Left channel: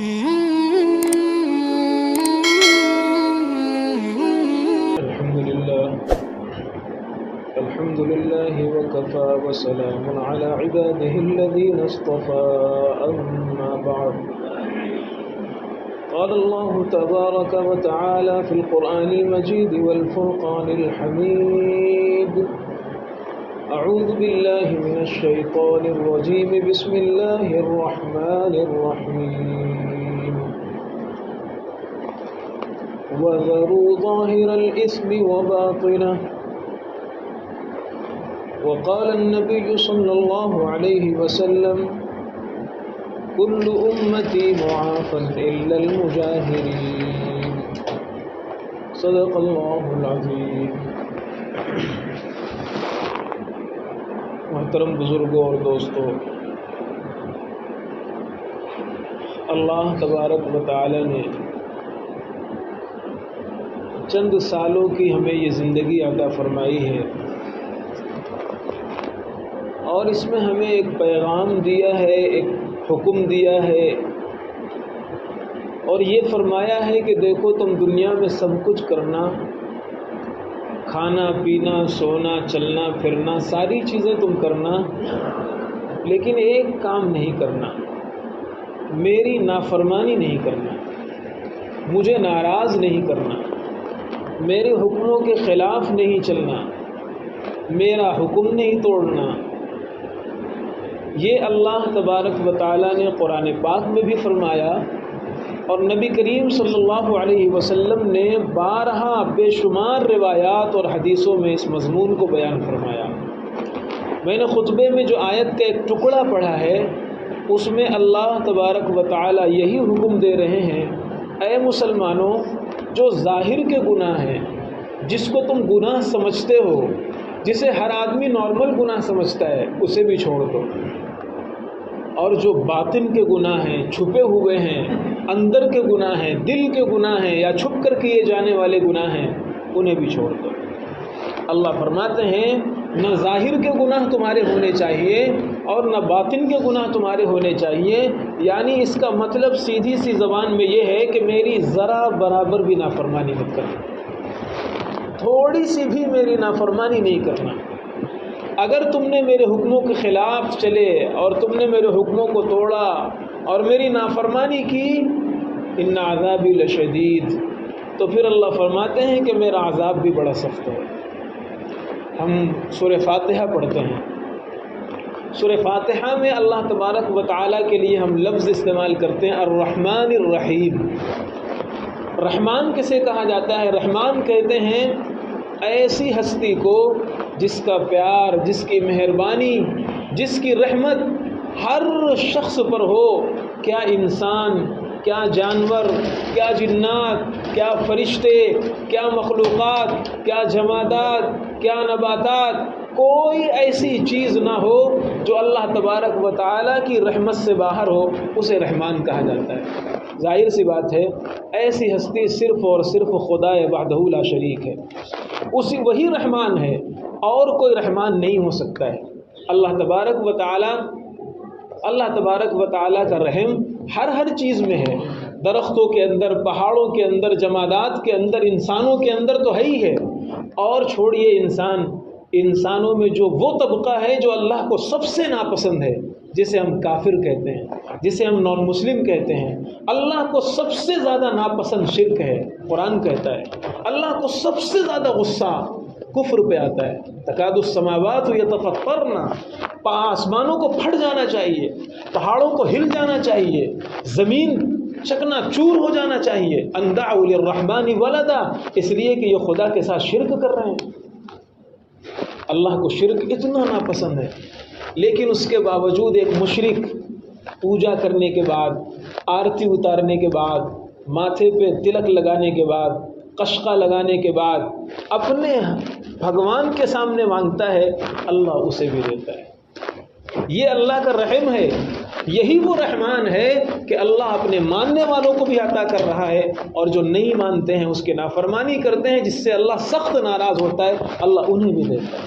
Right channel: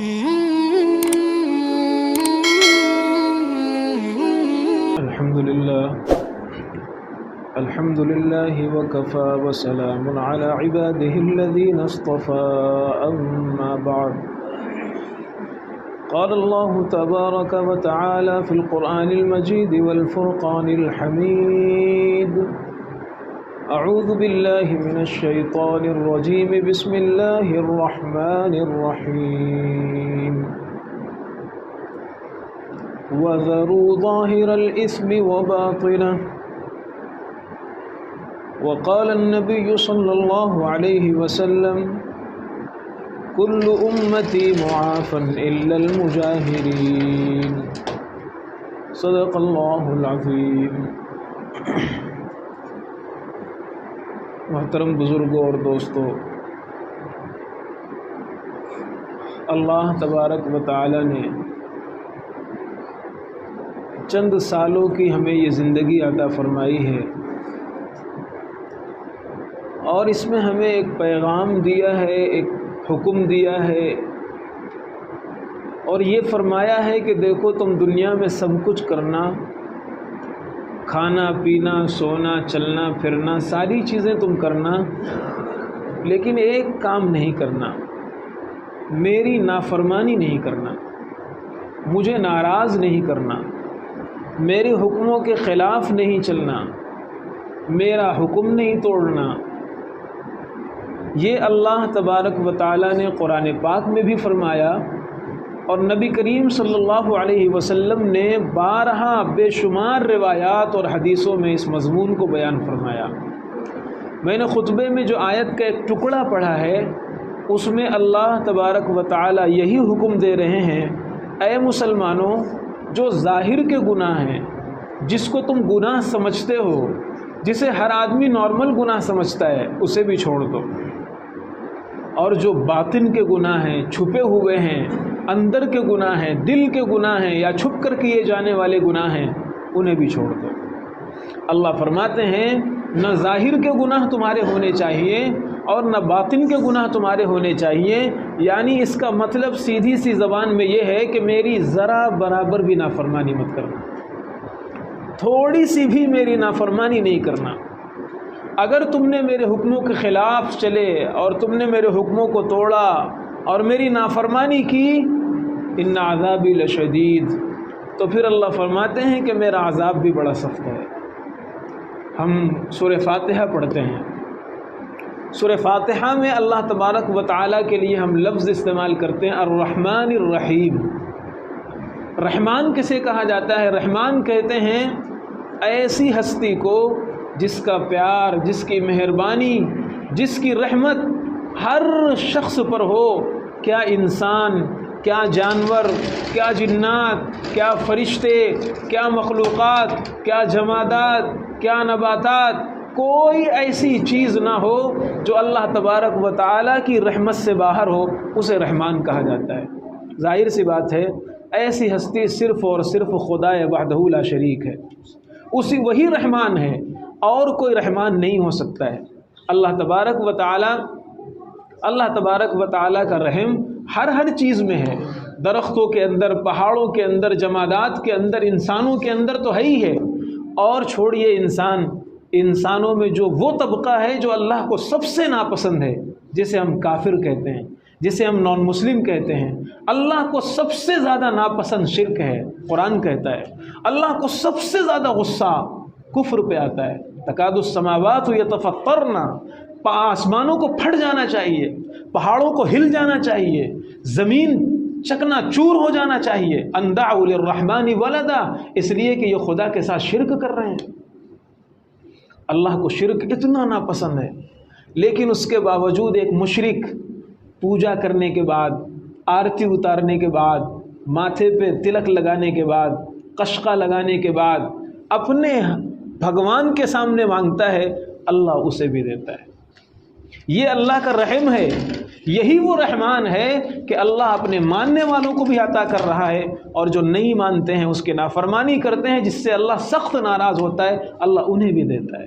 الحمد لله وكفى وسلام على عباده الذين اصطفى أما بعد قال الله تبارك وتعالى في القرآن المجيد والفرقان الحميد أعوذ بالله من الشيطان الرجيم بسم الله الرحمن الرحيم وذروا ظاهر الإثم وباطنه وقال النبي صلى الله عليه وسلم كل أمتي معافى إلا المجاهرين صدق الله العظيم. محترم بزرگوں اور دوستوں، اللہ تبارک و تعالی نے چند سالوں کی ہمیں یہ زندگی عطا فرمائی ہے، اور اس میں ہمیں ایک پیغام دیا ہے، ایک حکم دیا ہے، اور یہ فرمایا ہے کہ دیکھو تم دنیا میں سب کچھ کرنا، کھانا پینا سونا چلنا پھرنا ساری چیزیں تم کرنا، لیکن ایک کام نہیں کرنا، میری نافرمانی نہیں کرنا، مجھے ناراض نہیں کرنا، میرے حکموں کے خلاف نہیں چلنا، میرا حکم نہیں توڑنا۔ یہ اللہ تبارک و تعالیٰ نے قرآن پاک میں بھی فرمایا، اور نبی کریم صلی اللہ علیہ وسلم نے بارہا بے شمار روایات اور حدیثوں میں اس مضمون کو بیان فرمایا۔ میں نے خطبے میں جو آیت کا ایک ٹکڑا پڑھا ہے، اس میں اللہ تبارک و تعالیٰ یہی حکم دے رہے ہیں، اے مسلمانوں، جو ظاہر کے گناہ ہیں، جس کو تم گناہ سمجھتے ہو، جسے ہر آدمی نارمل گناہ سمجھتا ہے، اسے بھی چھوڑ دو، اور جو باطن کے گناہ ہیں، چھپے ہوئے ہیں، اندر کے گناہ ہیں، دل کے گناہ ہیں، یا چھپ کر کیے جانے والے گناہ ہیں، انہیں بھی چھوڑ دو۔ اللہ فرماتے ہیں نہ ظاہر کے گناہ تمہارے ہونے چاہیے اور نہ باطن کے گناہ تمہارے ہونے چاہیے، یعنی اس کا مطلب سیدھی سی زبان میں یہ ہے کہ میری ذرا برابر بھی نافرمانی مت کرنا، تھوڑی سی بھی میری نافرمانی نہیں کرنا۔ اگر تم نے میرے حکموں کے خلاف چلے اور تم نے میرے حکموں کو توڑا اور میری نافرمانی کی، ان عذابی لشدید، تو پھر اللہ فرماتے ہیں کہ میرا عذاب بھی بڑا سخت ہے۔ ہم سورہ فاتحہ پڑھتے ہیں، سورہ فاتحہ میں اللہ تبارک و تعالیٰ کے لیے ہم لفظ استعمال کرتے ہیں الرحمن الرحیم۔ رحمان کسے کہا جاتا ہے؟ رحمان کہتے ہیں ایسی ہستی کو جس کا پیار، جس کی مہربانی، جس کی رحمت ہر شخص پر ہو، کیا انسان، کیا جانور، کیا جنات، کیا فرشتے، کیا مخلوقات، کیا جمادات، کیا نباتات، کوئی ایسی چیز نہ ہو جو اللہ تبارک و تعالیٰ کی رحمت سے باہر ہو، اسے رحمان کہا جاتا ہے۔ ظاہر سی بات ہے ایسی ہستی صرف اور صرف خدا وحدہ لا شریک ہے، وہی رحمان ہے، اور کوئی رحمان نہیں ہو سکتا ہے۔ اللہ تبارک و تعالیٰ کا رحم ہر چیز میں ہے، درختوں کے اندر، پہاڑوں کے اندر، جمادات کے اندر، انسانوں کے اندر تو ہے ہی ہے، اور چھوڑیے انسانوں میں جو وہ طبقہ ہے جو اللہ کو سب سے ناپسند ہے، جسے ہم کافر کہتے ہیں، جسے ہم نان مسلم کہتے ہیں، اللہ کو سب سے زیادہ ناپسند شرک ہے۔ قرآن کہتا ہے اللہ کو سب سے زیادہ غصہ کفر پہ آتا ہے۔ تکاد السماوات یتفطرن، آسمانوں کو پھٹ جانا چاہیے، پہاڑوں کو ہل جانا چاہیے، زمین چکنا چور ہو جانا چاہیے، ان دعوا للرحمن ولدا، اس لیے کہ یہ خدا کے ساتھ شرک کر رہے ہیں۔ اللہ کو شرک اتنا ناپسند ہے، لیکن اس کے باوجود ایک مشرک پوجا کرنے کے بعد، آرتی اتارنے کے بعد، ماتھے پہ تلک لگانے کے بعد، قشقہ لگانے کے بعد اپنے بھگوان کے سامنے مانگتا ہے، اللہ اسے بھی دیتا ہے۔ یہ اللہ کا رحم ہے، یہی وہ رحمان ہے کہ اللہ اپنے ماننے والوں کو بھی عطا کر رہا ہے، اور جو نہیں مانتے ہیں اس کی نافرمانی کرتے ہیں، جس سے اللہ سخت ناراض ہوتا ہے، اللہ انہیں بھی دیتا ہے۔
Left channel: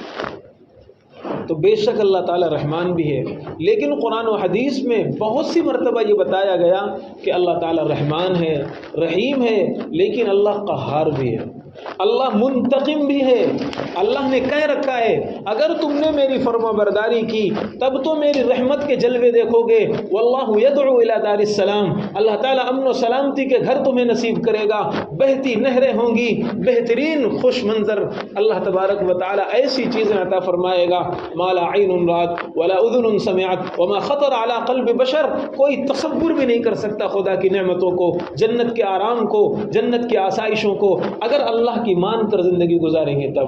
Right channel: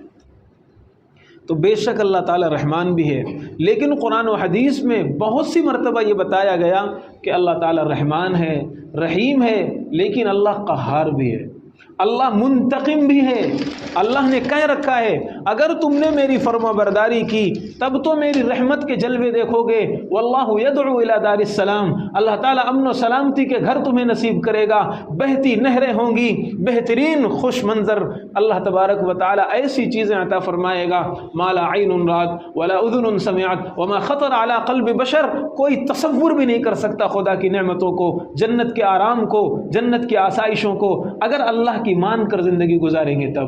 تو بے شک اللہ تعالی رحمان بھی ہے، لیکن قرآن و حدیث میں بہت سی مرتبہ یہ بتایا گیا کہ اللہ تعالی رحمان ہے، رحیم ہے، لیکن اللہ قہار بھی ہے، اللہ منتقم بھی ہے۔ اللہ نے کہہ رکھا ہے اگر تم نے میری فرما برداری کی تب تو میری رحمت کے جلوے دیکھو گے، واللہ یدعو الی دار السلام، اللہ تعالیٰ امن و سلامتی کے گھر تمہیں نصیب کرے گا، بہتی نہریں ہوں گی، بہترین خوش منظر، اللہ تبارک و تعالیٰ ایسی چیزیں عطا فرمائے گا ما لا عین رات ولا اذن سمعت وما خطر علی قلب بشر، کوئی تصور بھی نہیں کر سکتا خدا کی نعمتوں کو، جنت کے آرام کو، جنت کی آسائشوں کو، اگر اللہ کی مان کر زندگی گزاریں گے تب۔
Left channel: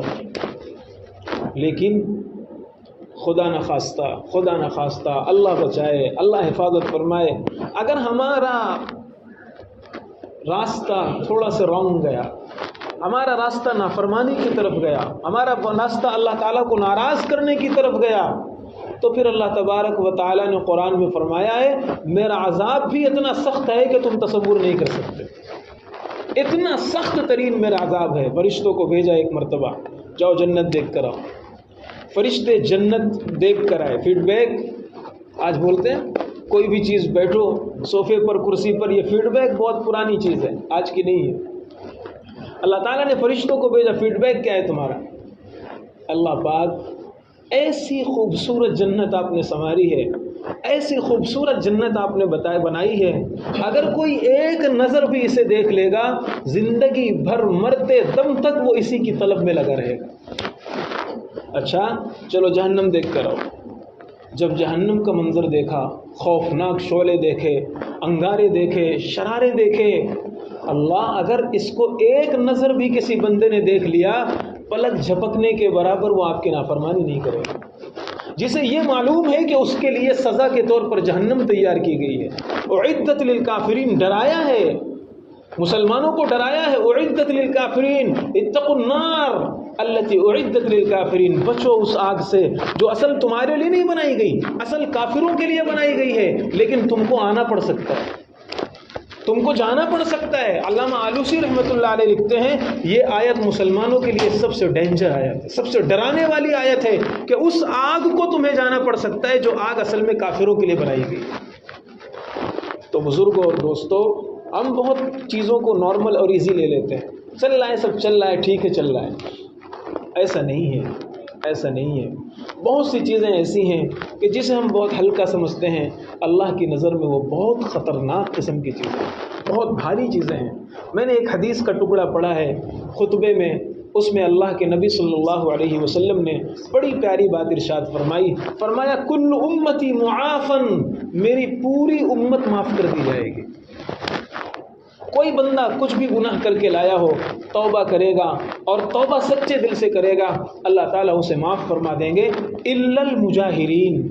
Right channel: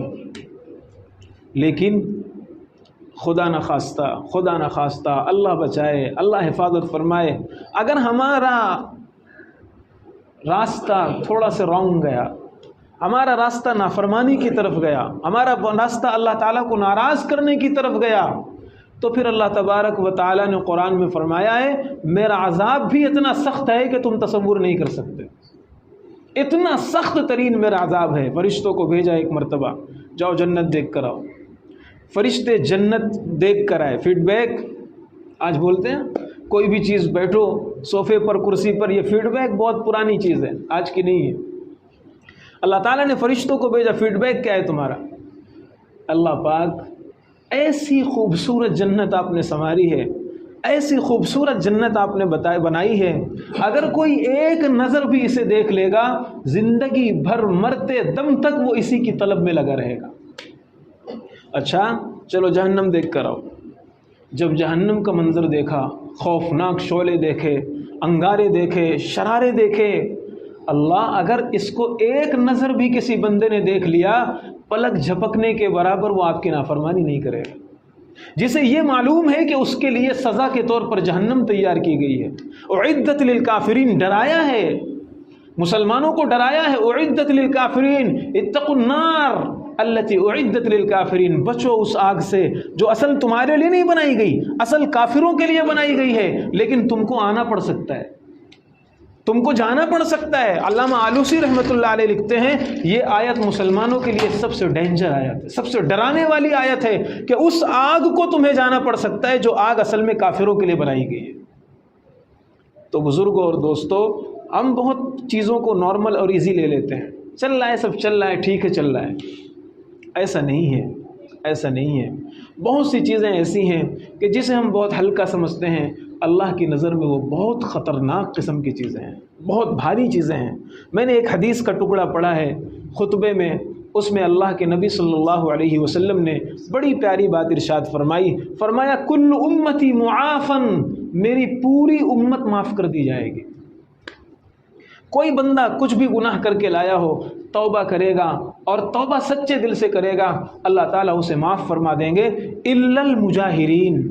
لیکن خدا نخواستہ اللہ بچائے، اللہ حفاظت فرمائے، اگر ہمارا راستہ تھوڑا سا رانگ گیا، ہمارا راستہ نافرمانی کی طرف گیا، ہمارا راستہ اللہ تعالیٰ کو ناراض کرنے کی طرف گیا، تو پھر اللہ تبارک و تعالیٰ نے قرآن میں فرمایا ہے میرا عذاب بھی اتنا سخت ہے کہ تم تصور نہیں کر سکتے، اتنا سخت ترین میرا عذاب ہے۔ فرشتوں کو بھیجا ایک مرتبہ، جاؤ جنت دیکھ کر آؤ، فرشتے جنت دیکھ کر آئے، فیڈ بیک آج بولتے ہیں، کوئی بھی چیز بیٹھو صوفے پر کرسی پر، یہ فیڈ بیک بہت پرانی چیز ہے، آج کی نہیں ہے۔ اللہ تعالیٰ نے فرشتوں کو بھیجا، فیڈ بیک کیا ہے تمہارا؟ اللہ پاک ایسی خوبصورت جنت آپ نے سنواری ہے، ایسی خوبصورت جنت آپ نے بنائی ہے، اگر کوئی ایک نظر بھی اسے دیکھ لے گا زندگی بھر مرتے دم تک وہ اسی کی طلب میں لگا رہے گا۔ اچھا چلو جہنم دیکھ کر آؤ، جب جہنم کا منظر دیکھا، خوفناک شعلے دیکھے، انگارے دیکھے، شرارے دیکھے، اللہ اگر اس کو ایک نظر بھی کسی بندے نے دیکھ لیا پلک جھپکنے کے برابر وہ آپ کی نافرمانی نہیں کرے گا، جسے یہ معلوم ہے کہ اس کے لیے سزا کے طور پر جہنم تیار کی گئی ہے۔ اعدت للکافرین، ڈرایا ہے مسلمانوں کو، ڈرایا ہے اعدت للکافرین اتقوا النار التی اعدت للکافرین، بچو اس آگ سے جو اصل تمہارے لیے نہیں بنائی گئی، اصل کافروں کے لیے بنائی گئی ہے، لیکن تم کو آنا پڑ سکتا ہے، تم کو جانا پڑ سکتا ہے۔ علامہ آلوسی رحمۃ اللہ علیہ لکھتے ہیں یہ آیت مسلمانوں کے لیے سب سے ڈینجر آیت ہے، سب سے ڈرانے والی آیت ہے کہ اس آگ کو تمہیں جانا پڑ سکتا ہے جو آگ اصل میں کافروں کے لیے بنائی گئی۔ تو بزرگوں اور دوستوں، ہم بہت چیزوں کو نارمل اور ایزی لے لیتے ہیں، چل رہا ہے سب چل رہا ہے، ٹھیک ہے چل رہا ہے، ایسا نہیں ہے، ایسا نہیں ہے۔ بہت سی چیزیں ایسی ہیں کہ جسے ہم بہت ہلکا سمجھتے ہیں، اللہ کی نظر میں وہ بہت خطرناک قسم کی چیزیں ہیں، بہت بھاری چیزیں ہیں۔ میں نے ایک حدیث کا ٹکڑا پڑھا ہے خطبے میں، اس میں اللہ کے نبی صلی اللہ علیہ وسلم نے بڑی پیاری بات ارشاد فرمایا کل امتی معافن، میری پوری امت معاف کر دی جائے گی۔ کوئی بندہ کچھ بھی گناہ کر کے لایا ہو، توبہ کرے گا اور توبہ سچے دل سے کرے گا، اللہ تعالیٰ اسے معاف فرما دیں گے، الا المجاہرین۔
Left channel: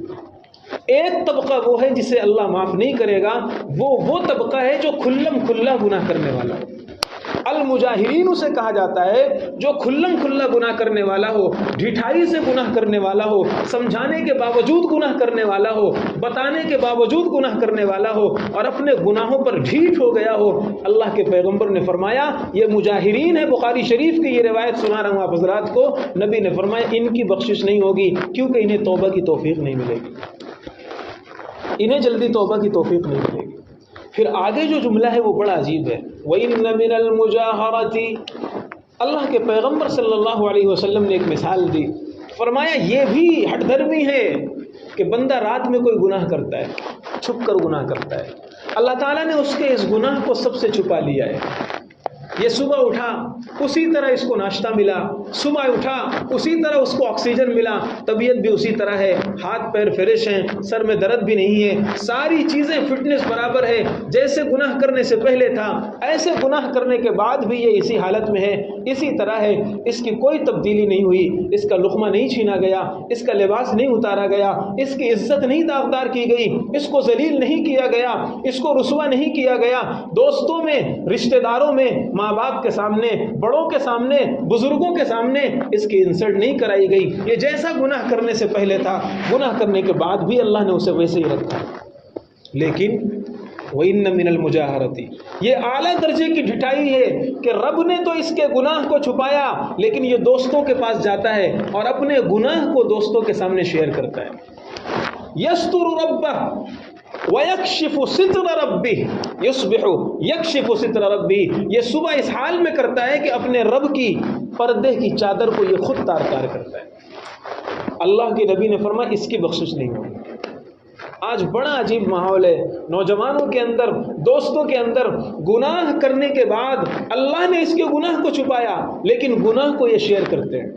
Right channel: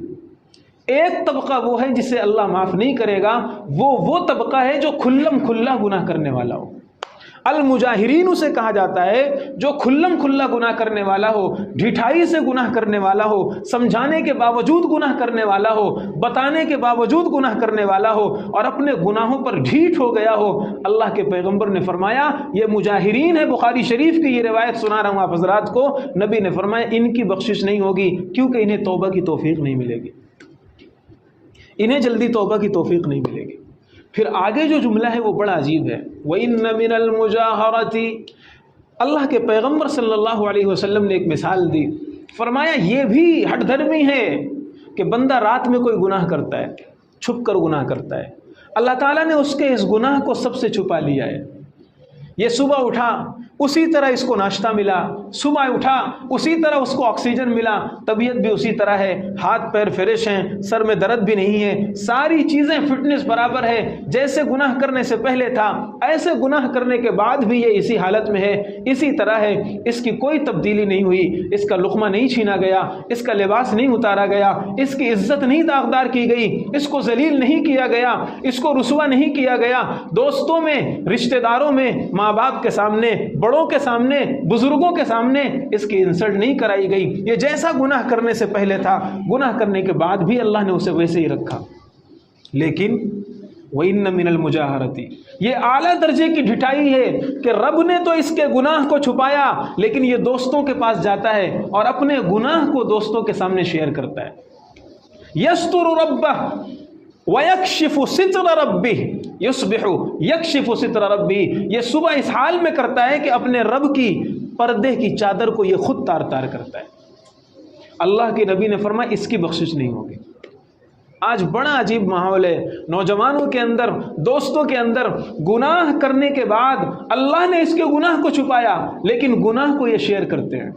ایک طبقہ وہ ہے جسے اللہ معاف نہیں کرے گا، وہ طبقہ ہے جو کھلم کھلا گناہ کرنے والا ہو۔ المجاہرین اسے کہا جاتا ہے جو کھلم کھلا گناہ کرنے والا ہو، ڈھٹائی سے گناہ کرنے والا ہو، سمجھانے کے باوجود گناہ کرنے والا ہو، بتانے کے باوجود گناہ کرنے والا ہو اور اپنے گناہوں پر ڈھیٹ ہو گیا ہو۔ اللہ کے پیغمبر نے فرمایا یہ مجاہرین ہے، بخاری شریف کی یہ روایت سنا رہا ہوں آپ حضرات کو، نبی نے فرمایا ان کی بخشش نہیں ہوگی کیونکہ انہیں توبہ کی توفیق نہیں ملے گی، انہیں جلدی توبہ کی توفیق نہیں ملے گی۔ پھر آگے جو جملہ ہے وہ بڑا عجیب ہے، وَإِنَّ مِنَ الْمُجَاهَرَةِ، اللہ کے پیغمبر صلی اللہ علیہ وسلم نے ایک مثال دی، فرمایا یہ بھی ہٹ دھرمی ہے کہ بندہ رات میں کوئی گناہ کرتا ہے، چھپ کر گناہ کرتا ہے، اللہ تعالیٰ نے اس کے اس گناہ کو سب سے چھپا لیا ہے۔ یہ صبح اٹھا اسی طرح اس کو ناشتہ ملا، صبح اٹھا اسی طرح اس کو آکسیجن ملا، طبیعت بھی اسی طرح ہے، ہاتھ پیر فریش ہیں، سر میں درد بھی نہیں ہے، ساری چیزیں فٹنس برابر ہے، جیسے گناہ کرنے سے پہلے تھا ایسے گناہ کرنے کے بعد بھی یہ اسی حالت میں ہے، اسی طرح ہے، اس کی کوئی تبدیلی نہیں ہوئی، اس کا لقمہ نہیں چھینا گیا، اس کا لباس نہیں اتارا گیا، اس کی عزت نہیں داغدار کی گئی، اس کو ذلیل نہیں کیا گیا، اس کو رسوا نہیں کیا گیا، دوستوں میں، رشتہ داروں میں، ماں باپ کے سامنے، بڑوں کے سامنے، بزرگوں کے سامنے اس کی انسلٹ نہیں کرائی گئی، یہ جیسا گناہ کرنے سے پہلے تھا گناہ کرنے کے بعد بھی اللہ نے اسے ویسے ہی رکھا۔ لیکن وَإِنَّ مِنَ الْمُجَاهَرَةِ، یہ اعلیٰ درجے کی ڈھٹائی ہے کہ رب نے تو اس کے گناہ کو چھپایا لیکن یہ دوستوں کے پاس جاتا ہے اور اپنے گناہ کو دوستوں کے سامنے شیئر کرتا ہے. یستر ربہ وَيَكْشِفُ سِتْرَ رَبِّهِ يُصْبِحُ يَكْشِفُ سِتْرَ رَبِّهِ، یہ صبح اس حال میں کرتا ہے کہ اپنے رب کی پردے کی چادر کو یہ خود تار تار کرتا ہے. اللہ کے نبی نے فرمایا اس کی بخشش نہیں ہوگی. آج بڑا عجیب ماحول ہے، نوجوانوں کے اندر، دوستوں کے اندر گناہ کرنے کے بعد اللہ نے اس کے گناہ کو چھپایا لیکن گناہ کو یہ شیئر کرتے ہیں،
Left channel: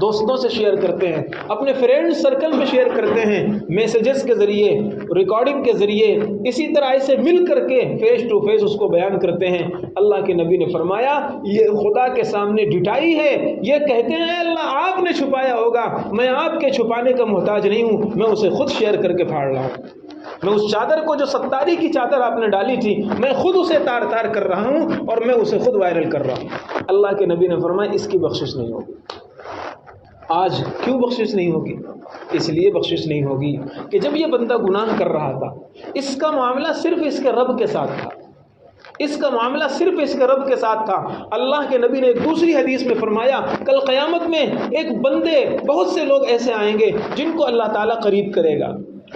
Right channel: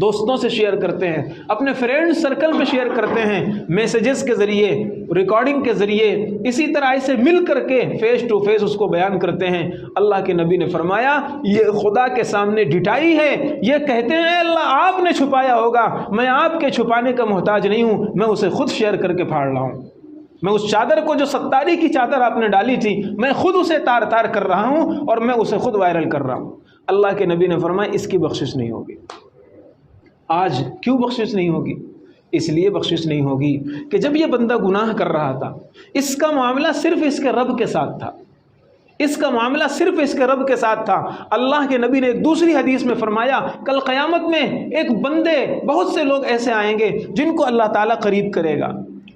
دوستوں سے شیئر کرتے ہیں، اپنے فرینڈ سرکل میں شیئر کرتے ہیں، میسیجز کے ذریعے، ریکارڈنگ کے ذریعے، اسی طرح ایسے مل کر کے فیس ٹو فیس اس کو بیان کرتے ہیں. اللہ کے نبی نے فرمایا یہ خدا کے سامنے ڈھٹائی ہے. یہ کہتے ہیں اللہ آپ نے چھپایا ہوگا، میں آپ کے چھپانے کا محتاج نہیں ہوں، میں اسے خود شیئر کر کے پھاڑ رہا ہوں. میں اس چادر کو جو ستاری کی چادر آپ نے ڈالی تھی میں خود اسے تار تار کر رہا ہوں اور میں اسے خود وائرل کر رہا ہوں. اللہ کے نبی نے فرمایا اس کی بخشش نہیں ہوگی. آج کیوں بخشش نہیں ہوگی؟ اس لیے بخشش نہیں ہوگی کہ جب یہ بندہ گناہ کر رہا تھا اس کا معاملہ صرف اس کے رب کے ساتھ تھا، اس کا معاملہ صرف اس کے رب کے ساتھ تھا. اللہ کے نبی نے ایک دوسری حدیث میں فرمایا کل قیامت میں ایک بندے، بہت سے لوگ ایسے آئیں گے جن کو اللہ تعالیٰ قریب کرے گا،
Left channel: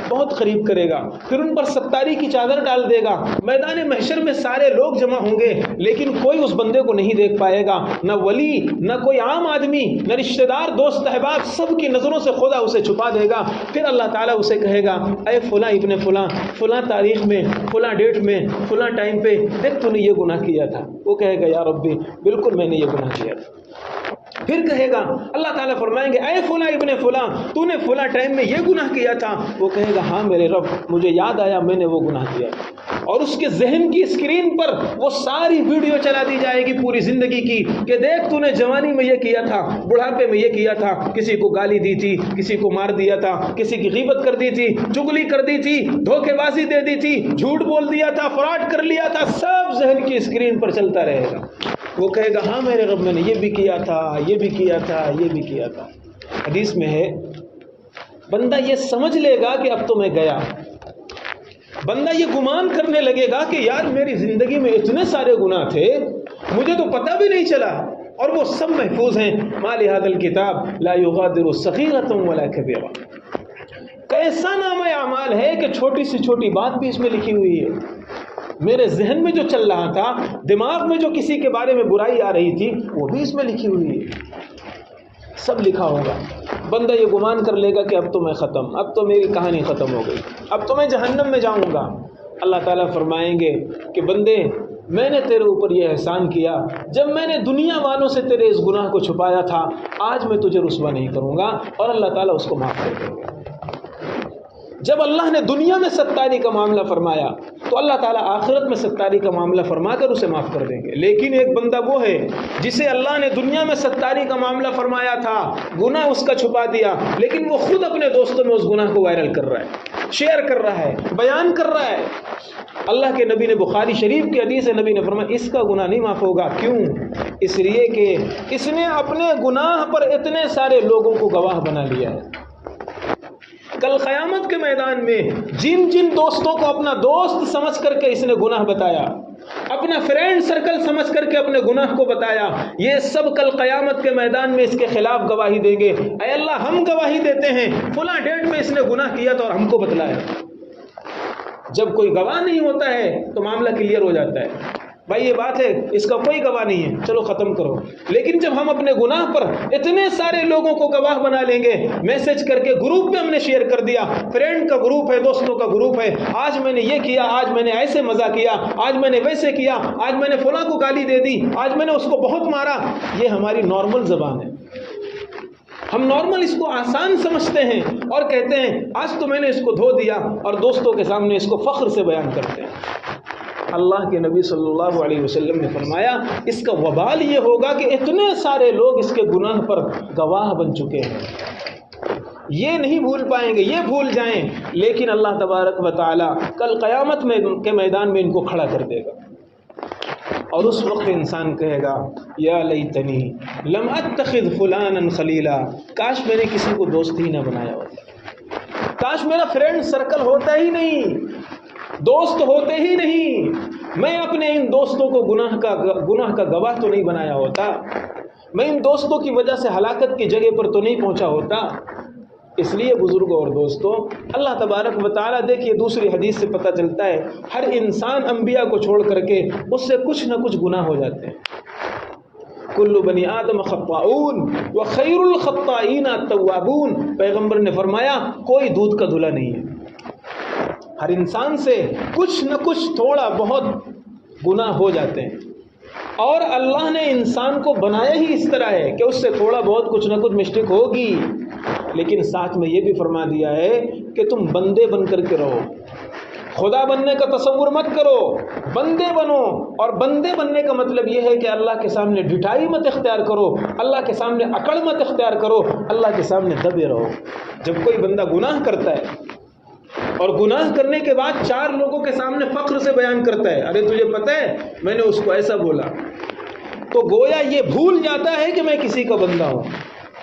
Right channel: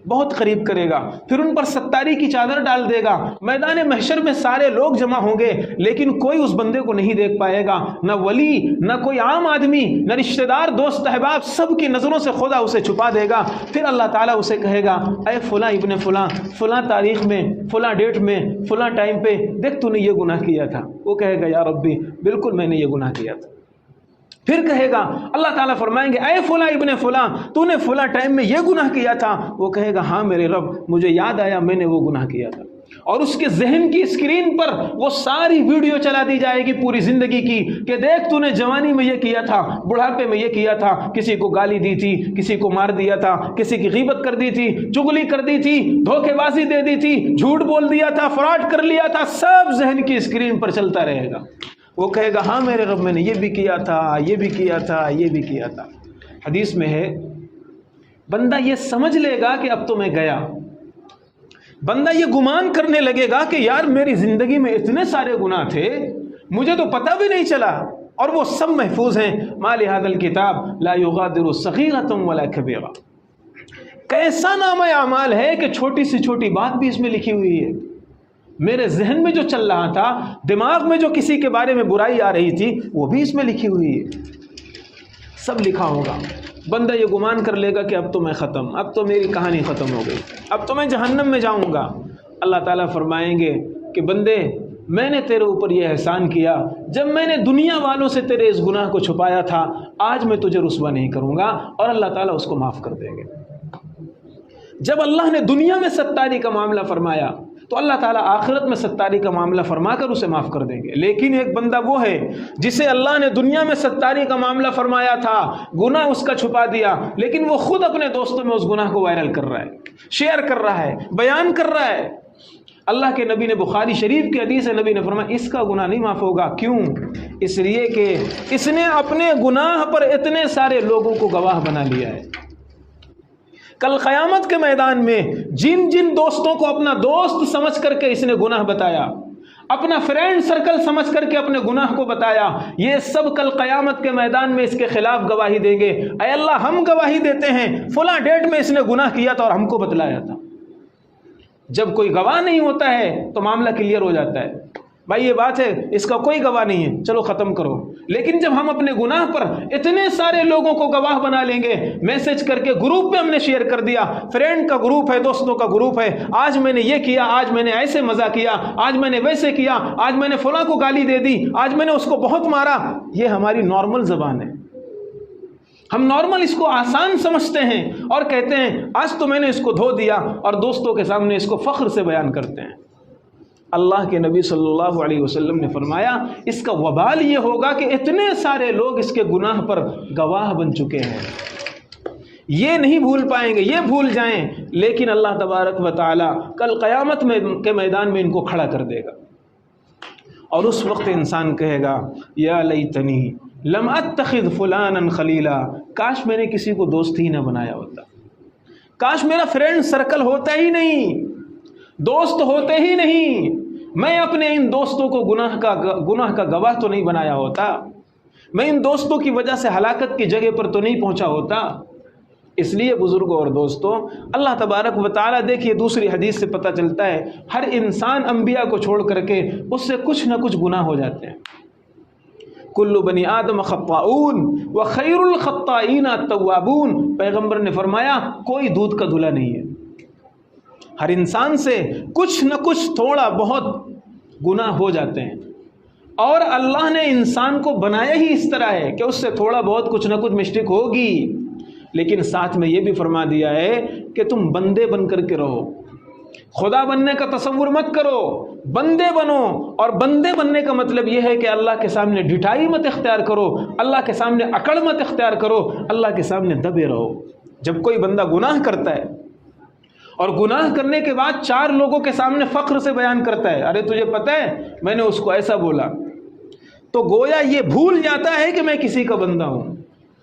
بہت قریب کرے گا، پھر ان پر ستاری کی چادر ڈال دے گا. میدان محشر میں سارے لوگ جمع ہوں گے لیکن کوئی اس بندے کو نہیں دیکھ پائے گا، نہ ولی، نہ کوئی عام آدمی، نہ رشتہ دار، دوست احباب، سب کی نظروں سے خدا اسے چھپا دے گا. پھر اللہ تعالیٰ اسے کہے گا اے فلاں ابن فلاں، فلاں تاریخ میں، فلاں ڈیٹ میں، فلاں ٹائم پہ دیکھ تو نے یہ گناہ کیا تھا. وہ کہے گا یا ربی بالکل میں نے یہ گناہ کیا تھا. پھر کہے گا اللہ تعالیٰ فرمائیں گے اے فلاں ابن فلاں تو نے فلاں ٹائم میں یہ گناہ کیا تھا. وہ کہے گا ہاں میرے رب مجھے یاد آیا میں نے وہ گناہ کیا. اور اس کے ذہن کی اسکرین پر وہ ساری ویڈیو چلا دی جائے گی پوری زندگی کی کہ دیکھ تو نے جوانی میں یہ کیا تھا، بڑھاپے میں یہ کیا تھا، کسی کو گالی دی تھی، کسی کو مار دیا تھا، کسی کی غیبت کر دی تھی، چغلی کر دی تھی، دھوکے بازی دے دی تھی، جھوٹ بول دیا تھا، فراڈ کر لیا تھا، سب ذہن کی اسکرین پر چلتا رہے گا. وہ کہے گا ہاں میرے رب میں نے یہ بھی کیا تھا، یہ بھی کیا تھا، یہ بھی کیا تھا. حدیث میں ہے بندہ یہ سمجھ لے گا کہ اب تو میں گیا. بندہ یہ گمان کرنے لگے گا کہ یار میری زندگی میں اتنے سارے گناہ تھے مجھے تو پتہ بھی نہیں چلا اور وہ سب محفوظ ہیں. ما لہذا الکتاب لا یغادر صغیرۃ ولا کبیرہ. کیسا نامہ اعمال ہے کہ چھوٹی سے چھوٹی بات بھی اس میں لکھی ہوئی ہے. میرے ذہن میں جو چل رہا تھا، دماغ میں جو کسی کے بارے میں برائی آ رہی تھی وہ بھی اس میں لکھی ہوئی ہے، سب لکھا ہوگا. بندہ یہ گمان کر لے گا کہ اب تو میں ختم، اب تو میری کہانی ختم ہو گئی، اب تو میں جہنم میں جاؤں گا. اللہ تعالیٰ فرمائیں گے کہ بندے میں نے تیرے اوپر یہ احسان کیا، جب میں نے دنیا والوں سے تیرے اس گناہ کو چھپایا تھا آج میں تجھے رسوا نہیں کروں گا. اور اللہ تعالیٰ اس کو معاف کر دیں گے. جب اللہ نے دنیا میں ستاری کا معاملہ فرمایا تو اللہ تعالیٰ آخرت میں ستاری کا معاملہ فرما کر اسے معاف کر دیں گے. لیکن ایک بندہ وہ ہے جسے اللہ نے دنیا میں ستاری کا معاملہ فرمایا تھا، گناہ اس کا چھپا دیا، لیکن وہ خود اپنے دوستوں میں اس گناہ کو وائرل کر رہا ہے، شیئر کر رہا ہے، بیان کر رہا ہے. اللہ کے نبی نے بخاری شریف کی حدیث نبی نے فرمایا اس کا گناہ نہیں معاف ہوگا. کیوں؟ اس لیے کہ اس نے اپنے گناہ پر اتنے سارے لوگوں کو گواہ بنا لیا ہے. کل قیامت کے میدان میں جن جن دوستوں کو اپنا دوست سمجھ کر کے اس نے گناہ بتایا، اپنا فرینڈ سرکل سمجھ کر کے اپنے گناہ کو بتایا، یہ سب کل قیامت کے میدان میں اس کے خلاف گواہی دیں گے. اے اللہ ہم گواہی دیتے ہیں فلاں ڈیٹ میں اس نے گناہ کیا تھا اور ہم کو بتلایا. جب کوئی گواہ نہیں ہوتا ہے تو معاملہ کلیئر ہو جاتا ہے. بھائی یہ بات ہے اس کا کوئی گواہ نہیں ہے چلو ختم کرو. لیکن جب ہم اپنے گناہ پر اتنے سارے لوگوں کو گواہ بنا لیں گے، میسج کر کے گروپ میں ہم نے شیئر کر دیا، فرینڈ کا گروپ ہے، دوستوں کا گروپ ہے، آج میں نے یہ کیا، آج میں نے ایسے مزہ کیا، آج میں نے ویسے کیا، آج میں نے فلاں کو گالی دے دی، آج میں نے اس کو بہت مارا. یہ ہماری نارمل زبان ہے. ہم نارمل اس کو آسان سمجھتے ہیں اور کہتے ہیں آج تو میں نے اس کو دھو دیا، اور دوستوں کے سامنے اس کو فخر سے بیان کرتے ہیں. اللہ کے نبی صلی اللہ علیہ وسلم نے فرمایا اس کا وبال یہ ہوگا کہ اتنے سارے لوگ اس کے گناہ پر گواہ بن چکے ہیں. یہ نہیں بھول پائیں گے، یہ بھول جائیں، لیکن اللہ تبارک و تعالی کل قیامت کے میدان میں ان کو کھڑا کر دے گا. اور اس وقت انسان کہے گا یا لیتنی لم اتخذ فلانا خلیلا، کاش میں نے کسی کو دوست ہی نہ بنایا ہوتا، کاش میرا فرینڈ سرکل ہوتا ہی نہیں. دوست ہوتے ہی نہیں، میں اپنے ان دوستوں کو گناہ کا گواہ تو نہیں بنایا ہوتا، میں ان دوستوں کی وجہ سے ہلاکت کی جگہ پر تو نہیں پہنچا ہوتا۔ اس لیے بزرگوں اور دوستوں، اللہ تبارک و تعالیٰ، دیکھیے دوسری حدیث سے پتہ چلتا ہے ہر انسان انبیاء کو چھوڑ کر کے اس سے کچھ نہ کچھ گناہ ہو جاتے ہیں۔ کل بنی آدم خطاؤن وخیر الخطائین التوابون، پیغمبر نے فرمایا کوئی دودھ کا دھلا نہیں ہے، ہر انسان سے کچھ نہ کچھ تھوڑا بہت گناہ ہو جاتے ہیں، اور اللہ نے انسان کو بنایا ہی اس طرح ہے کہ اس سے تھوڑا بہت کچھ نہ کچھ مسٹیک ہوگی، لیکن ساتھ میں یہ بھی فرما دیا ہے کہ تم بندے بن کر کے رہو، خدا بننے کا تصور مت کرو، بندے بنو۔ اور بندے بننے کا مطلب یہ ہے کہ اللہ کے سامنے ڈٹائی مت اختیار کرو، اللہ کے سامنے اکڑ مت اختیار کرو، اللہ کے سامنے دبے رہو۔ جب کوئی بندہ گناہ کرتا ہے اور گناہ کرنے کے بعد 4 لوگوں کے سامنے فخر سے بیان کرتا ہے، ارے تجھے پتہ ہے میں نے اس کو ایسا بولا، تو گویا یہ بھول جاتا ہے کہ میں کسی کا بندہ ہوں۔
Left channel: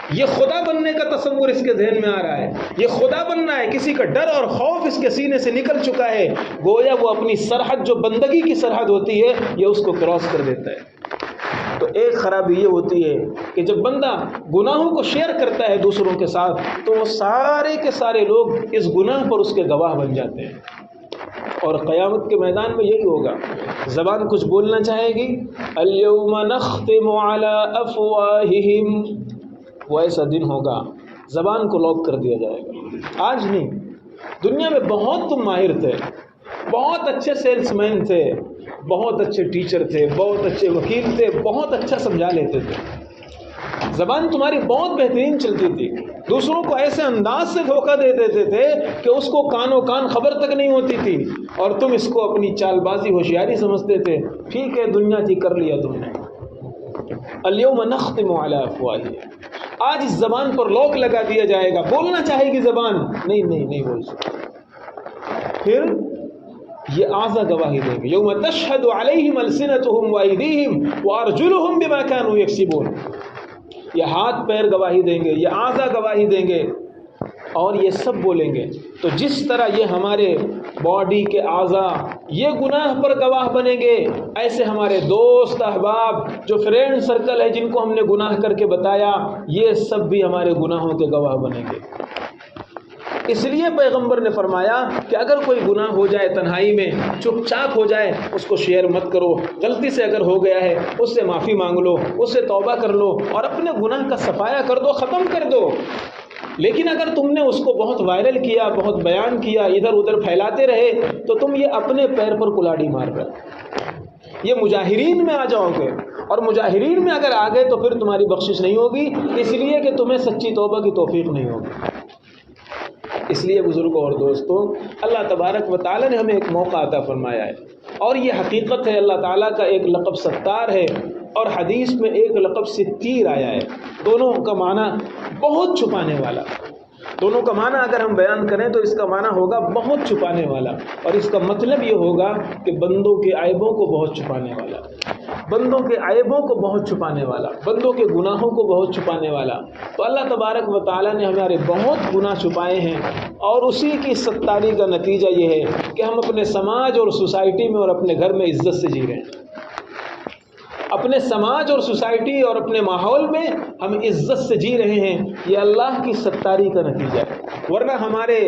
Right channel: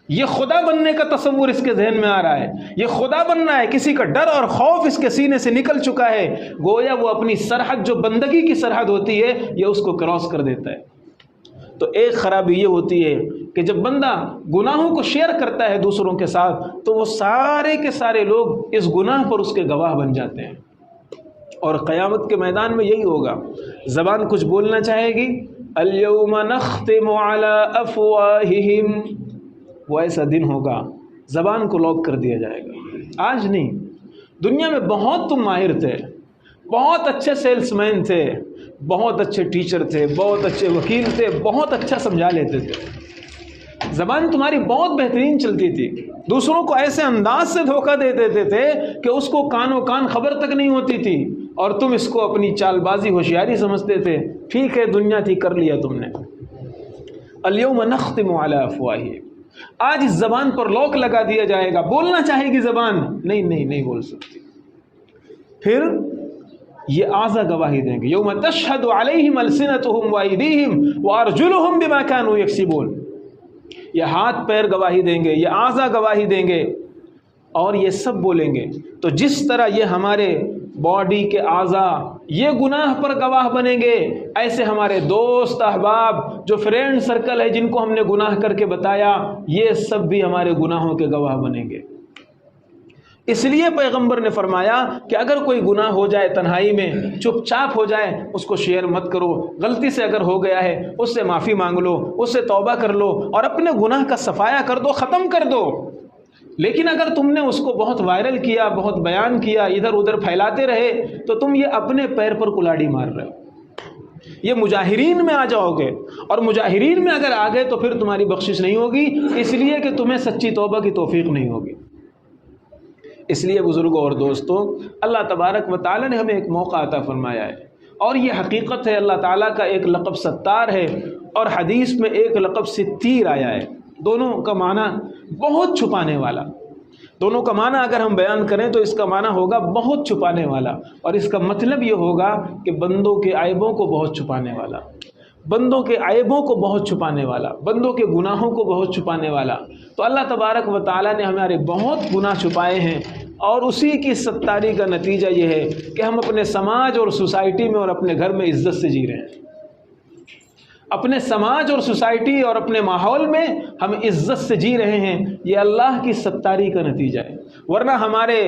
یہ خدا بننے کا تصور اس کے ذہن میں آ رہا ہے، یہ خدا بننا ہے، کسی کا ڈر اور خوف اس کے سینے سے نکل چکا ہے، گویا وہ اپنی سرحد جو بندگی کی سرحد ہوتی ہے یہ اس کو کراس کر دیتا ہے۔ تو ایک خرابی یہ ہوتی ہے کہ جب بندہ گناہوں کو شیئر کرتا ہے دوسروں کے ساتھ تو وہ سارے کے سارے لوگ اس گناہ پر اس کے گواہ بن جاتے ہیں، اور قیامت کے میدان میں یہی ہوگا۔ زبان کچھ بولنا چاہے گی، الیوم نختم علی افواہہم، وہ ایسا دن ہوگا زبان کو لاک کر دیا جائے گا۔ آج نہیں، دنیا میں بہت تم ماہر تھے، بہت اچھے سیلس مین تھے، بہت اچھے ٹیچر تھے، بہت اچھے وکیل تھے، بہت اچھا سمجھا لیتے تھے، زبان تمہاری بہت بہترین چلتی تھی، دوسروں کو ایسے انداز سے دھوکہ دے دیتے تھے کہ اس کو کانوں کان خبر تک نہیں ہوتی تھی، اور تم اس کو اپنی چال بازی ہوشیاری سمجھتے تھے۔ ٹھیک ہے، دنیا تھی، کر لیا تم نے۔ الیوم نختم علی افواہہم، آج اس زبان پر لاک لگا دیا جائے گا، بولنا چاہے گی زبان، نہیں بول سکتی۔ پھر یہ اعضا گواہی دیں گے، یوم تشہد علیہم السنتہم وایدیہم وارجلہم بما کانوا یکسبون، یہ ہاتھ پیر گواہی دیں گے، یہ اعضا گواہی دیں گے، اور یہ سب بولیں گے۔ تو جس طرح یہ ہمارے باڈی کے اعضا یہ گناہ پر گواہ بنیں گے، ایسے ہمارے دوست احباب جو فرینڈ سرکل ہے جن کو ہم نے گناہ کر کے بتایا، یہ سب بھی ہمارے گناہوں کے گواہ بنیں گے۔ اس لیے پیغمبر نے فرمایا کہ اگر کوئی گناہ ہو جائے تنہائی میں، چپ چاپ ہو جائے، اس کو شیئر مت کرو، غلطی سے اگر ہو گیا ہے اس سے معافی مانگ لو، اس سے توبہ کر لو، اور اپنے گناہ کا صفایا کر دو، ختم کر دو۔ لیکن اگر تم نے اس کو بہت وائرل کیا، بہت بیان کیا، ادھر ادھر پھیلاتے رہے، تو تم یہ اپنے پیر پر کلاڑی مار رہے، یہ مجاہرین میں آ جاؤ گے، اور مجاہرین میں اگر آ گئے تو پھر تمہاری بخشش نہیں ہوگی، اس لیے کہ تمہیں سچی توبہ کی توفیق نہیں ہوگی۔ اس لیے بزرگوں اور دوستوں، اللہ تبارک و تعالیٰ نے ہمیں ایک موقع عطا فرمایا ہے، اور یہ حقیقت ہے، اللہ تعالیٰ کا ایک لقب ستار ہے، اور حدیث میں ایک لقب ستیر آیا ہے، دونوں کا معنی بہت چھپانے والا۔ دونوں کا معنی اگر ہم بیان کریں تو اس کا معنی ہوگا بہت چھپانے والا، اور اس کا مطلب یہ ہوگا کہ بندوں کے عیبوں کو بہت چھپانے والا، بندوں کے عیبوں کو بہت چھپانے والا، بندوں کے گناہوں کو بہت چھپانے والا۔ تو اللہ تبارک و تعالیٰ نے ہمارے بہت گناہ چھپائے ہیں، اور اسی کی ستاری کا نتیجہ یہ ہے کہ ہم اپنے سماج اور سوسائٹی میں اور اپنے گھر میں عزت سے جی رہے ہیں، اپنے سماج اور سوسائٹی اور اپنے ماحول میں ہم عزت سے جی رہے ہیں، یہ اللہ کی ستاری کا نتیجہ ہے۔ ورنہ ہمارے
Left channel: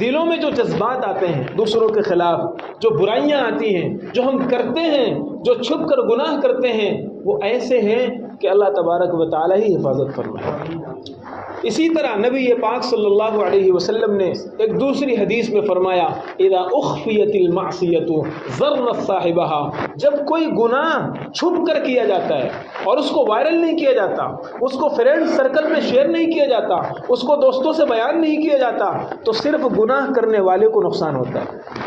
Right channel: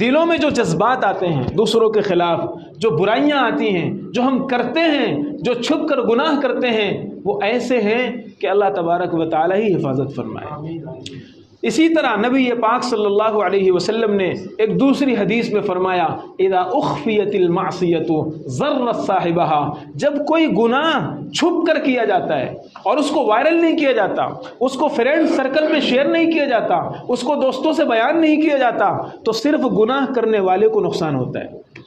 دلوں میں جو جذبات آتے ہیں دوسروں کے خلاف، جو برائیاں آتی ہیں، جو ہم کرتے ہیں، جو چھپ کر گناہ کرتے ہیں، وہ ایسے ہیں کہ اللہ تبارک و تعالیٰ ہی حفاظت فرمائے۔ اسی طرح نبی پاک صلی اللہ علیہ وسلم نے ایک دوسری حدیث میں فرمایا، اذا اخفیت المعصیۃ ضرت صاحبها، جب کوئی گناہ چھپ کر کیا جاتا ہے اور اس کو وائرل نہیں کیا جاتا، اس کو فرینڈ سرکل میں شیئر نہیں کیا جاتا، اس کو دوستوں سے بیان نہیں کیا جاتا، تو صرف گناہ کرنے والے کو نقصان ہوتا ہے،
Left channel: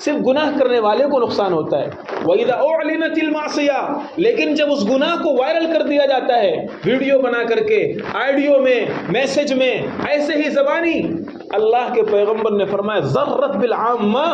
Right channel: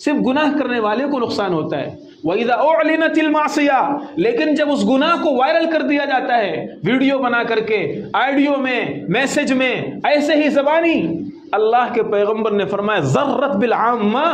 صرف گناہ کرنے والے کو نقصان ہوتا ہے۔ وَإِذَا أُعْلِنَتِ الْمَعْصِيَةُ، لیکن جب اس گناہ کو وائرل کر دیا جاتا ہے، ویڈیو بنا کر کے، آڈیو میں، میسج میں، ایسے ہی زبانی، اللہ کے پیغمبر نے فرمایا ذرت بالعامہ،